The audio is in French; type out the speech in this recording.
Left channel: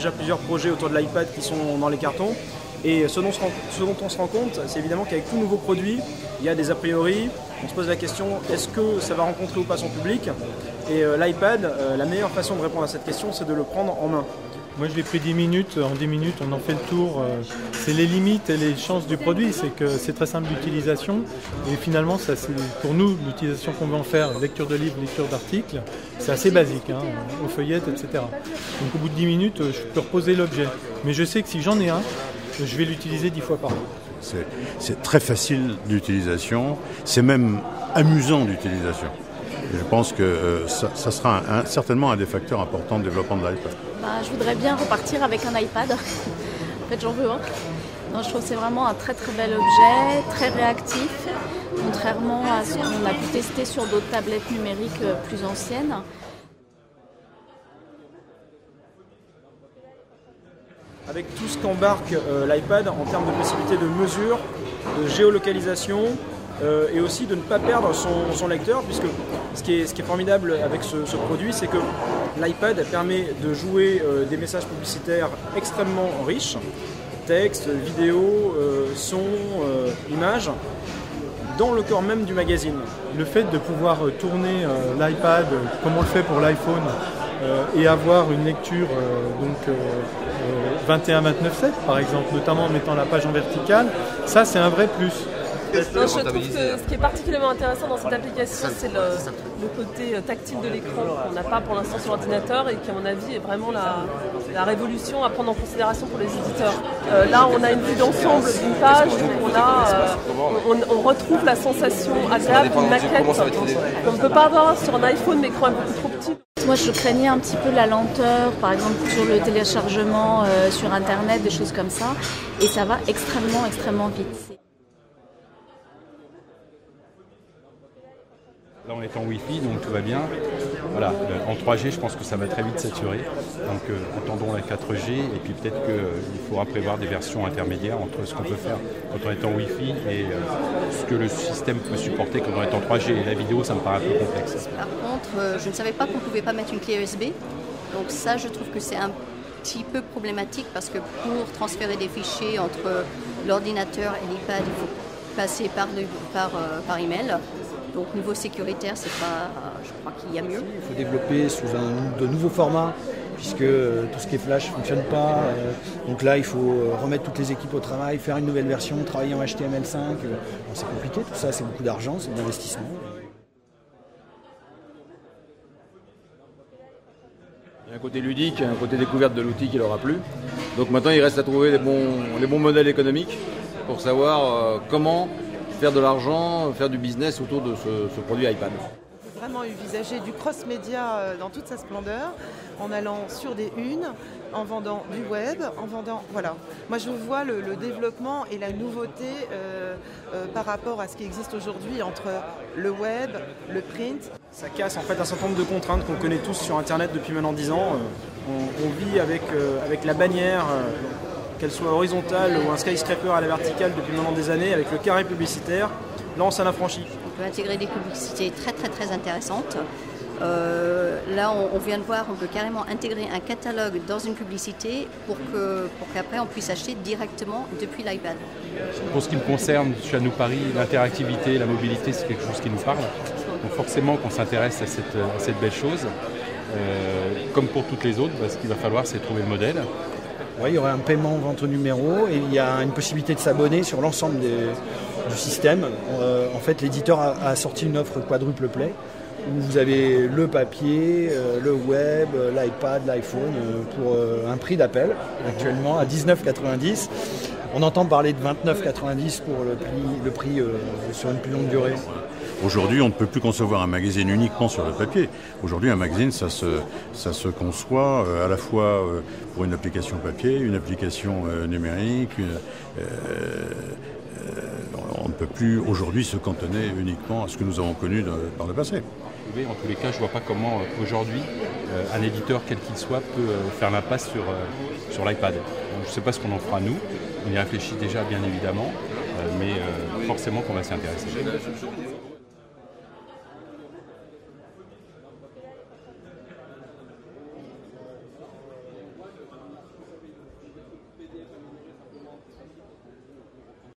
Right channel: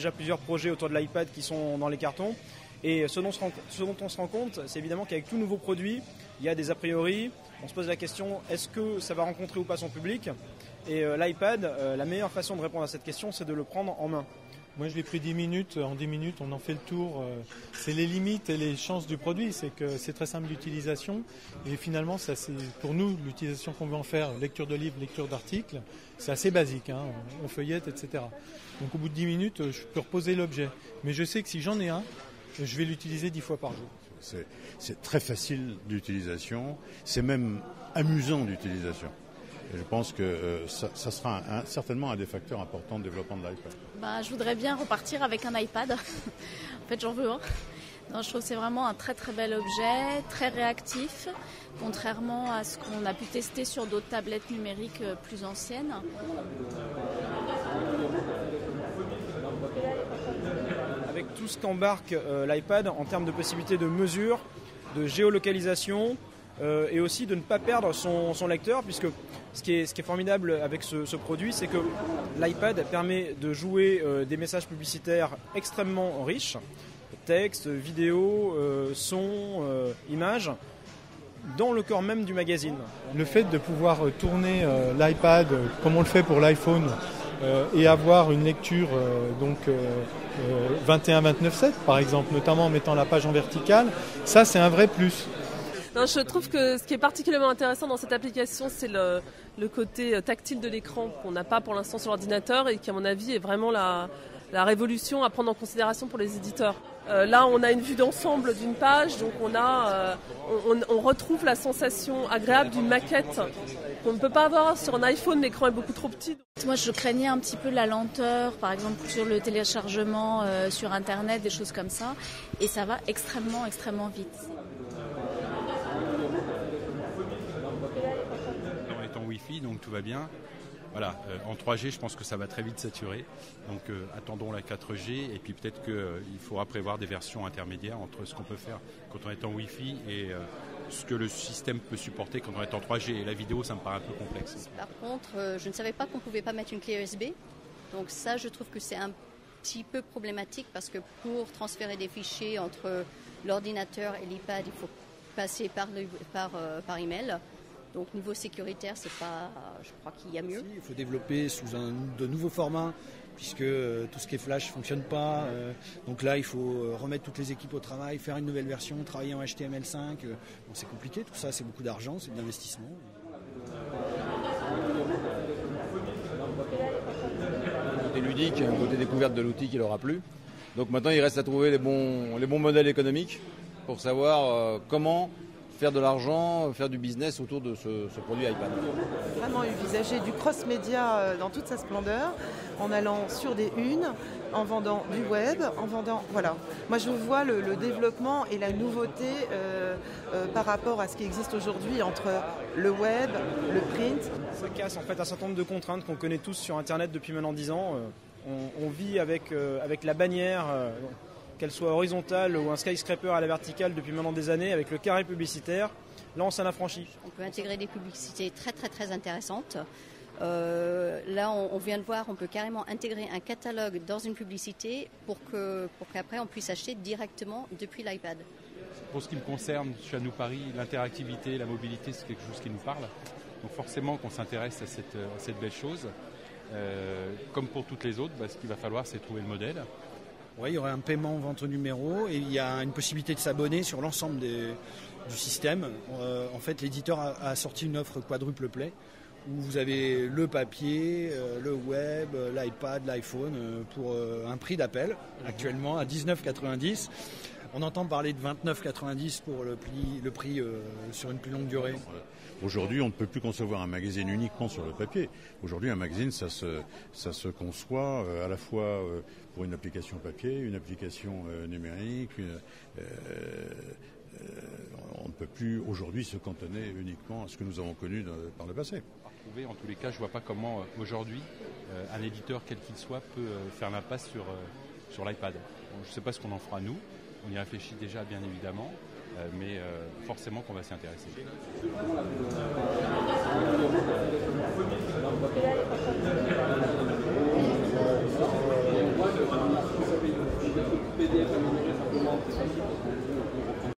déjà plusieurs projets autour de l'iPad qui sont dans les cartons. Et ce dont on se rend compte, c'est évidemment qu'avec tout nouveau produit, il y a des a priori. On se pose la question, est-ce que ça va rencontrer ou pas son public? Et l'iPad, la meilleure façon de répondre à cette question, c'est de le prendre en main. Moi je l'ai pris 10 minutes, en 10 minutes on en fait le tour. C'est les limites et les chances du produit, c'est que c'est très simple d'utilisation. Et finalement, ça, c'est, pour nous, l'utilisation qu'on veut en faire, lecture de livres, lecture d'articles, c'est assez basique, hein, aux feuillettes, etc. Donc au bout de 10 minutes, je peux reposer l'objet. Mais je sais que si j'en ai un, je vais l'utiliser 10 fois par an. C'est très facile d'utilisation, c'est même amusant d'utilisation. Et je pense que ça sera certainement un des facteurs importants de développement de l'iPad. Je voudrais bien repartir avec un iPad. En fait, j'en veux un. Non, je trouve que c'est vraiment un très très bel objet, très réactif, contrairement à ce qu'on a pu tester sur d'autres tablettes numériques plus anciennes. Avec tout ce qu'embarque l'iPad en termes de possibilités de mesure, de géolocalisation et aussi de ne pas perdre son lecteur, puisque ce qui est formidable avec ce produit, c'est que l'iPad permet de jouer des messages publicitaires extrêmement riches, texte, vidéo, son, images, dans le corps même du magazine. Le fait de pouvoir tourner l'iPad comme on le fait pour l'iPhone et avoir une lecture 21-29/7 par exemple, notamment en mettant la page en verticale, ça c'est un vrai plus. Non, je trouve que ce qui est particulièrement intéressant dans cette application, c'est le côté tactile de l'écran qu'on n'a pas pour l'instant sur l'ordinateur et qui, à mon avis, est vraiment la révolution à prendre en considération pour les éditeurs. Là, on a une vue d'ensemble d'une page, on retrouve la sensation agréable d'une maquette qu'on ne peut pas avoir sur un iPhone, mais l'écran est beaucoup trop petit. Moi, je craignais un petit peu la lenteur, par exemple sur le téléchargement sur Internet, des choses comme ça, et ça va extrêmement vite. On est en Wi-Fi, donc tout va bien. Voilà, en 3G, je pense que ça va très vite saturer. Donc attendons la 4G et puis peut-être qu'il faudra prévoir des versions intermédiaires entre ce qu'on peut faire quand on est en Wi-Fi et ce que le système peut supporter quand on est en 3G. Et la vidéo, ça me paraît un peu complexe. Par contre, je ne savais pas qu'on ne pouvait pas mettre une clé USB. Donc ça, je trouve que c'est un petit peu problématique parce que pour transférer des fichiers entre l'ordinateur et l'iPad, il faut passer par email. Donc niveau sécuritaire, c'est pas, je crois qu'il y a mieux. Il faut développer sous de nouveaux formats, puisque tout ce qui est flash ne fonctionne pas. Donc là, il faut remettre toutes les équipes au travail, faire une nouvelle version, travailler en HTML5. C'est compliqué, tout ça, c'est beaucoup d'argent, c'est de l'investissement. Un côté ludique, un côté découverte de l'outil qui leur a plu. Donc maintenant, il reste à trouver les bons modèles économiques pour savoir comment faire de l'argent, faire du business autour de ce produit iPad. Vraiment envisager du cross-média dans toute sa splendeur, en allant sur des unes, en vendant du web, en vendant... Voilà. Moi je vois le développement et la nouveauté par rapport à ce qui existe aujourd'hui entre le web, le print. Ça casse en fait un certain nombre de contraintes qu'on connaît tous sur Internet depuis maintenant 10 ans. On vit avec la bannière, qu'elle soit horizontale ou un skyscraper à la verticale depuis maintenant des années, avec le carré publicitaire. Là, on s'en affranchit. On peut intégrer des publicités très intéressantes. Là, on vient de voir, on peut carrément intégrer un catalogue dans une publicité pour qu'après on puisse acheter directement depuis l'iPad. Pour ce qui me concerne, je suis à Nous Paris, l'interactivité, la mobilité, c'est quelque chose qui nous parle. Donc forcément qu'on s'intéresse à cette belle chose. Comme pour toutes les autres, ce qu'il va falloir, c'est trouver le modèle. Ouais, il y aurait un paiement vente au numéro et il y a une possibilité de s'abonner sur l'ensemble du système. En fait, l'éditeur a sorti une offre quadruple play où vous avez le papier, le web, l'iPad, l'iPhone pour un prix d'appel actuellement à 19,90 €. On entend parler de 29,90 € pour le prix sur une plus longue durée. Aujourd'hui, on ne peut plus concevoir un magazine uniquement sur le papier. Aujourd'hui, un magazine, ça se conçoit à la fois pour une application papier, une application numérique. On ne peut plus aujourd'hui se cantonner uniquement à ce que nous avons connu par le passé. En tous les cas, je ne vois pas comment aujourd'hui un éditeur, quel qu'il soit, peut faire l'impasse sur l'iPad. Je ne sais pas ce qu'on en fera nous. On y réfléchit déjà bien évidemment, mais forcément qu'on va s'y intéresser.